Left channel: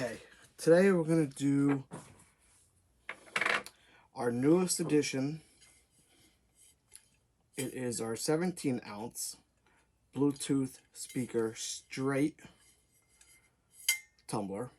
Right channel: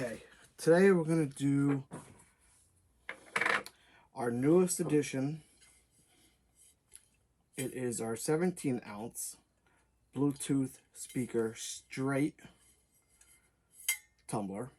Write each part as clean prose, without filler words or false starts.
Okay, today we're going to do our newest edition. It is our 17-ounce Bluetooth speaker straight tumbler.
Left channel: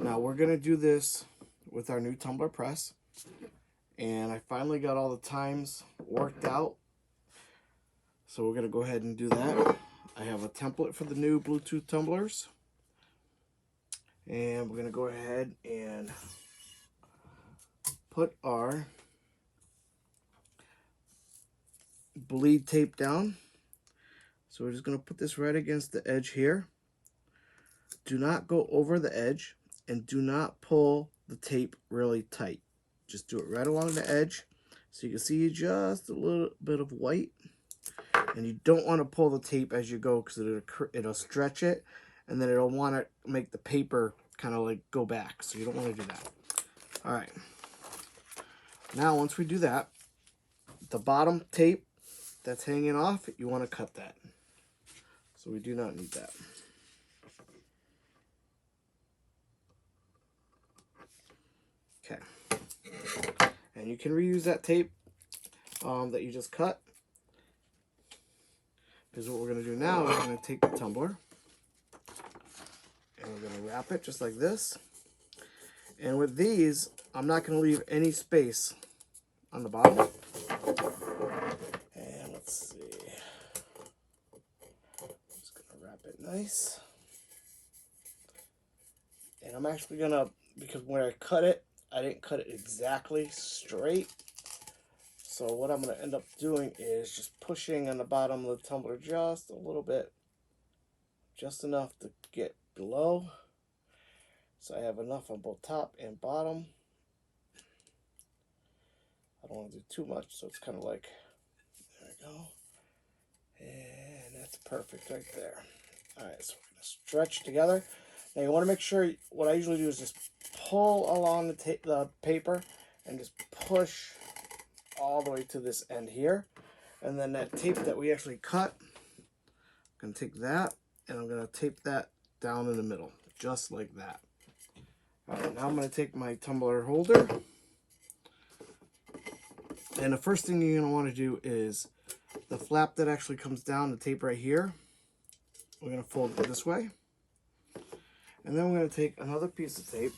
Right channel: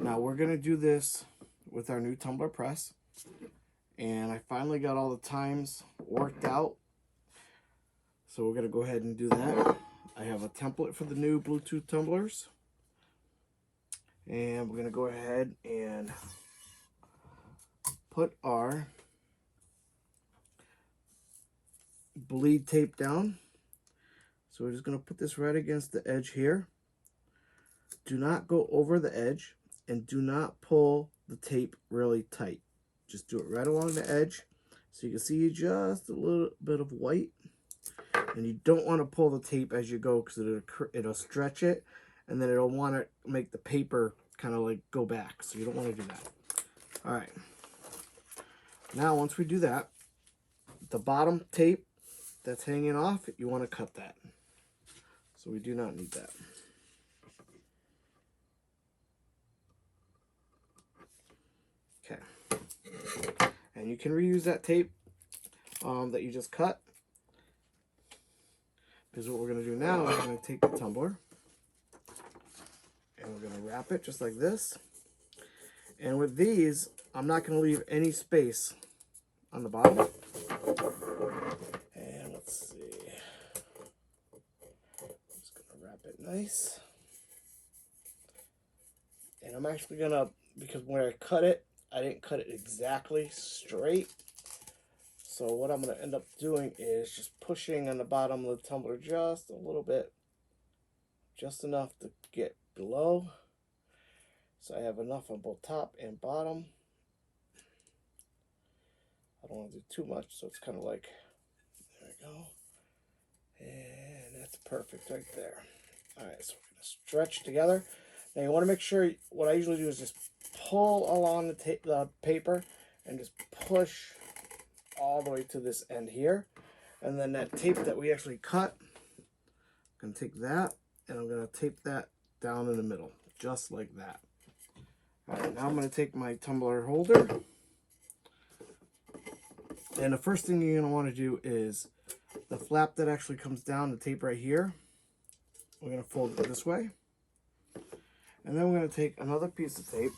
Now we're going to do this with our new tumbler press, and I finally got all the times worked out, so we're going to go ahead and do that. I have a template for the new Bluetooth tumblers, and we're going to go ahead and put our bleed tape down. So we're just going to put this right against the edge here. Do not go over the edge, and do not pull the tape really tight. Just do it right along the edge so you can see just a little bit of white. And you don't want to pull the tape as you go, because it'll stretch it, and then it'll want to make the paper kind of like go back. So you don't want to do that. All right. Now once we do that, the bottom tape that's hanging off, you want to cut that. So we do not need that. Okay. And you can reuse that tape that you just cut. Because what we're going to do now is we're going to take the tumbler and we're going to wrap it just like this. And with these, I'm not going to leave any space on the bottom. And let's see. I'm just going to wrap it nice. And I'm actually going to, because when I cut it, I didn't cut it exactly straight. So what I'm going to end up doing is just pushing on the bottom of the tumbler just a little bit. Just enough to get below. So I have enough on both top and bottom. I don't want to do too much, so it's kind of like, there we go. And that's perfect right there. Alright, so we're going to stretch together. Now you want to make sure, what I usually do is just pull along the paper and just push all the way to this end here. And then that tape that we actually cut, I'm going to take that and I'm going to tape that down in the middle, just like that. Alright, now I'm going to take my tumbler holder. And the first thing you're going to want to do is the flap that actually comes down, the tape right here, we're going to fold it this way. And then we're going to take another piece of tape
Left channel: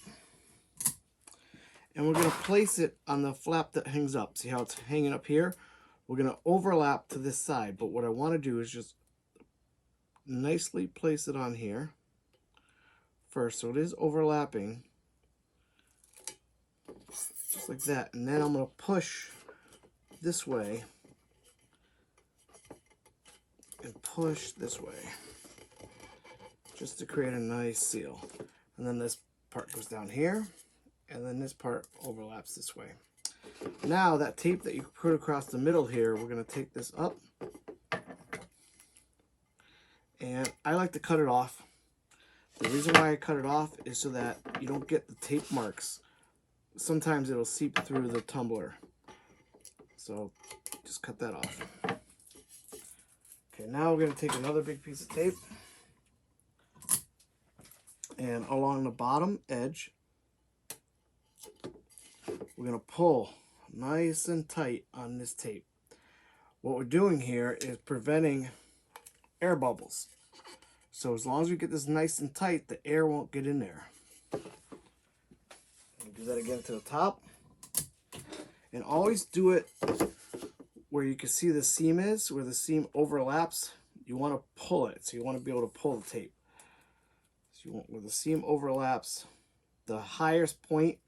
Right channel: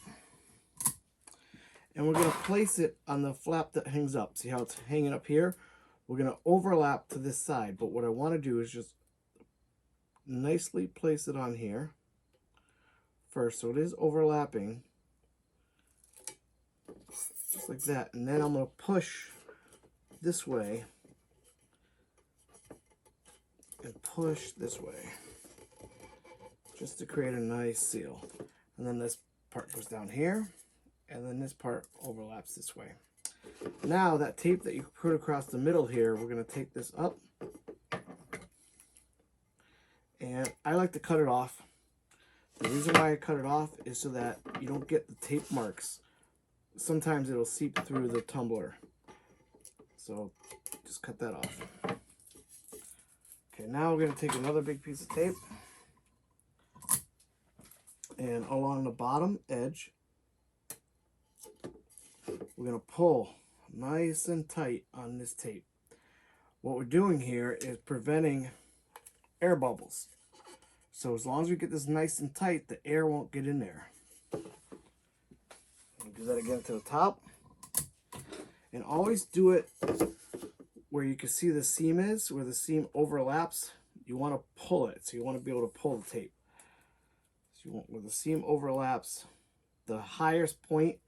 and we're going to place it on the flap that hangs up. See how it's hanging up here? We're going to overlap to this side, but what I want to do is just nicely place it on here first, so it is overlapping, just like that. And then I'm going to push this way and push this way, just to create a nice seal. And then this part goes down here, and then this part overlaps this way. Now that tape that you put across the middle here, we're going to take this up, and I like to cut it off. The reason why I cut it off is so that you don't get the tape marks. Sometimes it'll seep through the tumbler, so just cut that off. Okay, now we're going to take another big piece of tape, and along the bottom edge, we're going to pull nice and tight on this tape. What we're doing here is preventing air bubbles. So as long as we get this nice and tight, the air won't get in there. And do that again to the top. And always do it where you can see the seam is, where the seam overlaps. You want to pull it, so you want to be able to pull the tape. So you want, where the seam overlaps, the highest point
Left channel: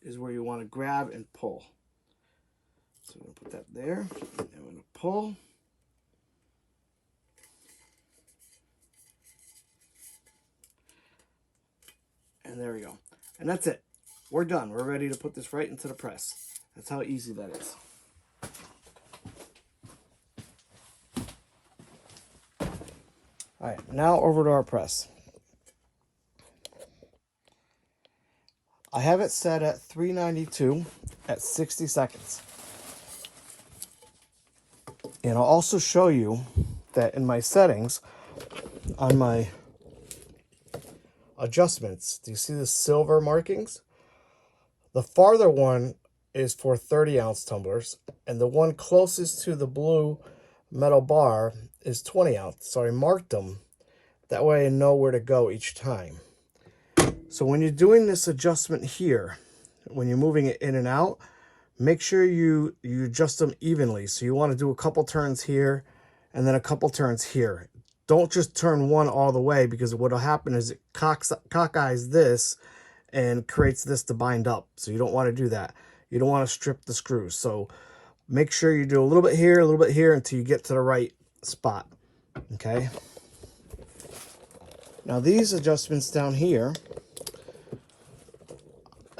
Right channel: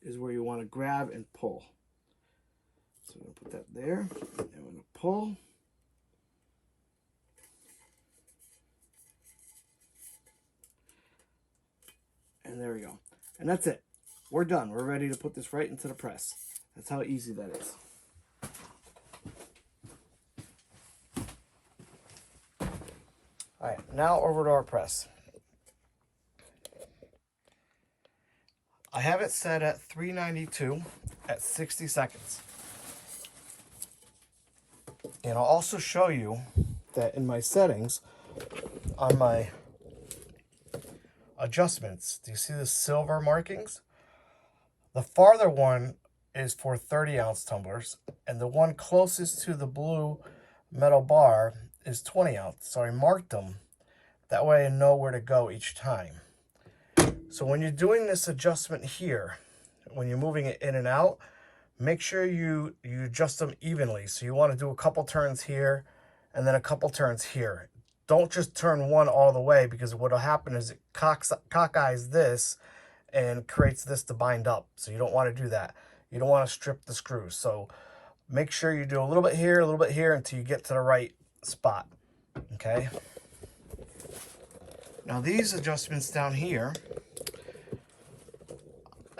is where you want to grab and pull. So I'm going to put that there, and I'm going to pull. And there we go. And that's it. We're done. We're ready to put this right into the press. That's how easy that is. Alright, now over to our press. I have it set at 392 at 60 seconds. And I'll also show you that in my settings, on adjustments. Do you see the silver markings? The farther one is for 30-ounce tumblers, and the one closest to the blue metal bar is 20-ounce. So I marked them. That way I know where to go each time. So when you're doing this adjustment here, when you're moving it in and out, make sure you adjust them evenly. So you want to do a couple turns here and then a couple turns here. Don't just turn one all the way, because what will happen is it cockeyes this and creates this to bind up. So you don't want to do that. You don't want to strip the screws. So make sure you do a little bit here until you get to the right spot. Okay. Now these adjustments down here,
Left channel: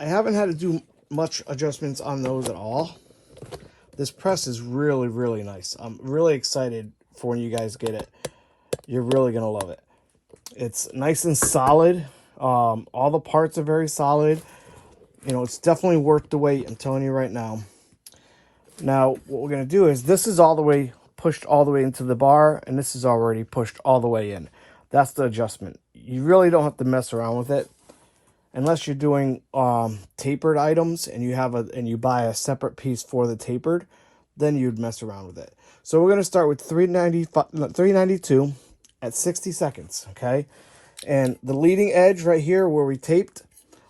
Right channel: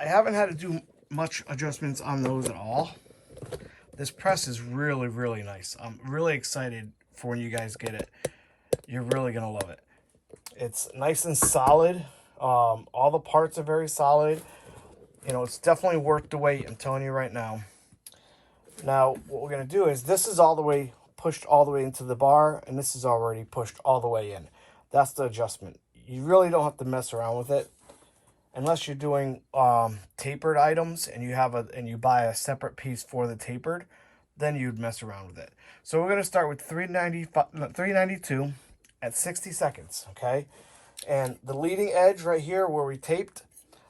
I haven't had to do much adjustments on those at all. This press is really, really nice. I'm really excited for when you guys get it. You're really gonna love it. It's nice and solid. All the parts are very solid. You know, it's definitely worth the wait, I'm telling you right now. Now, what we're gonna do is, this is all the way pushed all the way into the bar, and this is already pushed all the way in. That's the adjustment. You really don't have to mess around with it. Unless you're doing tapered items and you buy a separate piece for the tapered, then you'd mess around with it. So we're going to start with 392 at 60 seconds, okay? And the leading edge right here where we taped,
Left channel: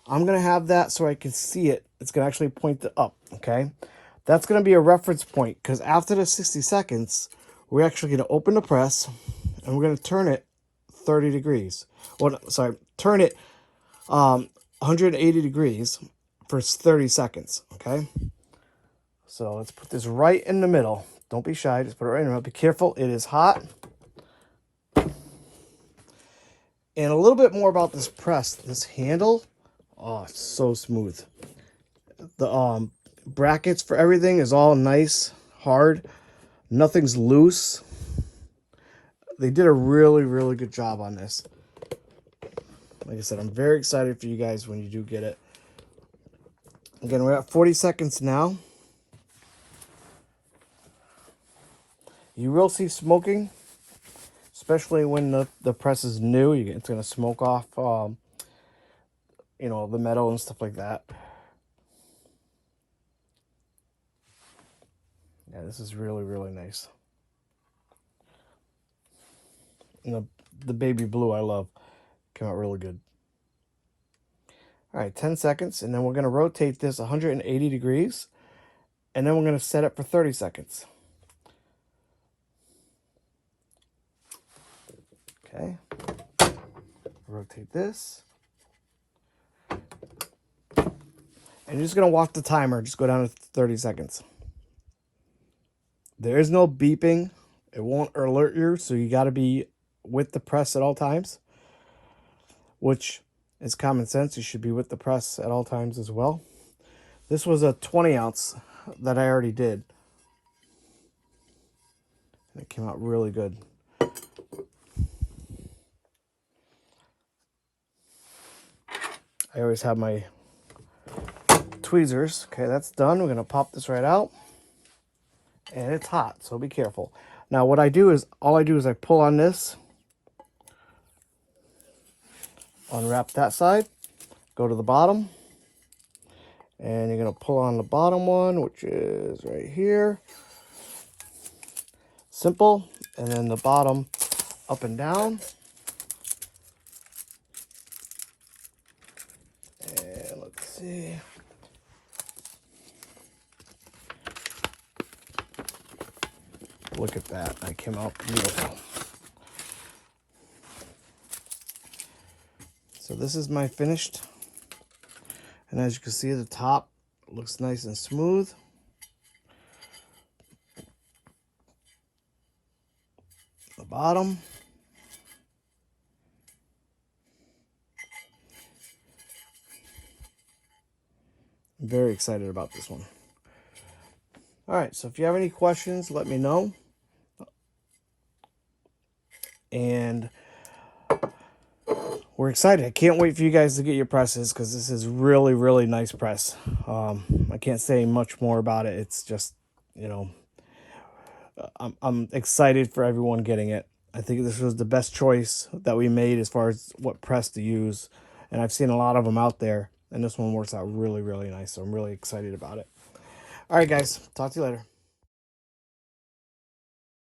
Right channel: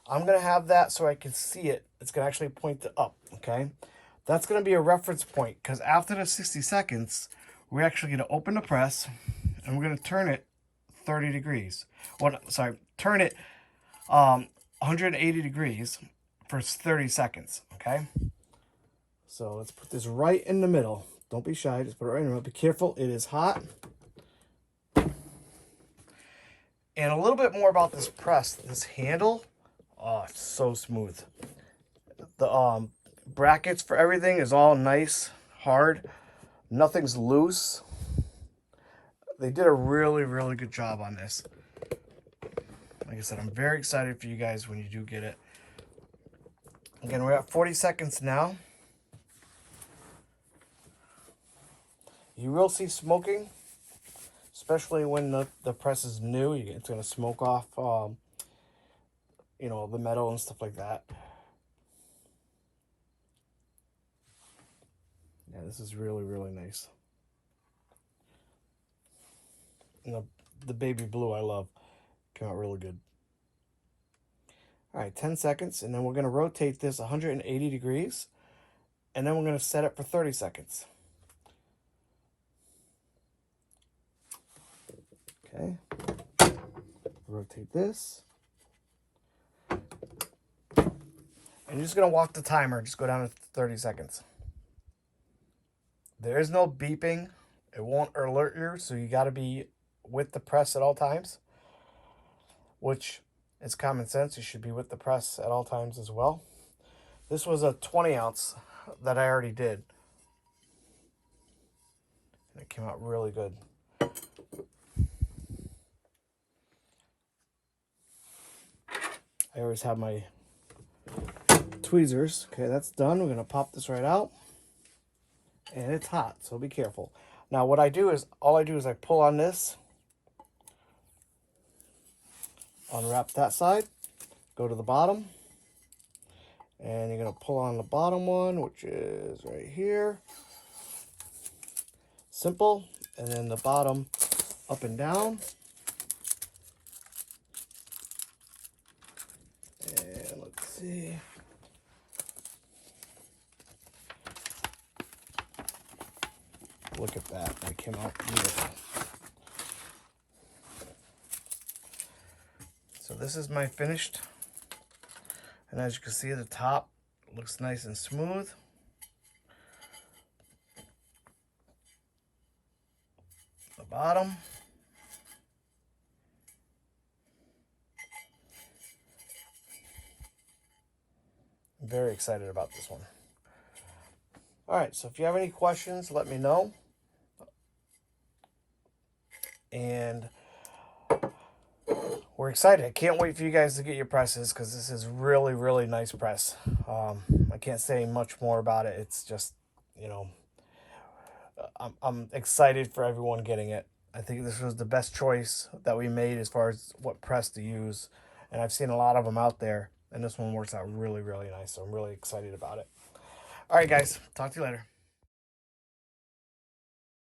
I'm going to have that so I can see it. It's going to actually point it up, okay? That's going to be a reference point, because after the 60 seconds, we're actually going to open the press and we're going to turn it 30 degrees. Well, sorry, turn it 180 degrees for 30 seconds, okay? So let's put this right in the middle. Don't be shy, just put it right in the middle. Be careful, it is hot. And a little bit more about this press. This handle, oh, it's so smooth. The brackets for everything is all nice, hard. Nothing's loose. They did a really, really good job on this. Like I said, I'm very excited for you guys when you do get it. Again, we're at 40 seconds now. You will see smoking, especially when the press is new. It's going to smoke off, you know, the metal and stuff like that. Yeah, this is really, really nice. And the baby blue I love. Came out really good. All right, 10 seconds, and then we're going to rotate this 180 degrees, and then we're going to set it for 30 seconds. Okay. Rotate this. And you're just going to watch the timer. Just go down to 30 seconds. There is no beeping. It won't alert you, so you got to be with the press at all times, which is common sense. You should be with the press at all times as well. This was a 20-ounce that I already did. It came out really good. I always have my tweezers. Okay, that's done. We're going to pop this right out. And it's hot, so be careful. Now what I do is, all I do is I pull on this, unwrap that side, go to the bottom, and you're going to pull on the bottom one, which is right here. Simple. And then the bottom up and down. And let's see. Look at that. That came out beautiful. So this is my finished. And as you can see, the top looks nice and smooth. The bottom. I'm very excited about this one. All right, so if you have any questions, let me know. And we're excited. I can't wait for you guys to get your presses, because this is really, really nice press. I can't say much more about it. It's just, you know, I'm excited for everyone getting it. I think this was the best choice that we made as far as what press to use. And I've seen a lot of them out there, and this one works out really, really nice. So I'm really excited about it. All right, guys. Talk to you later.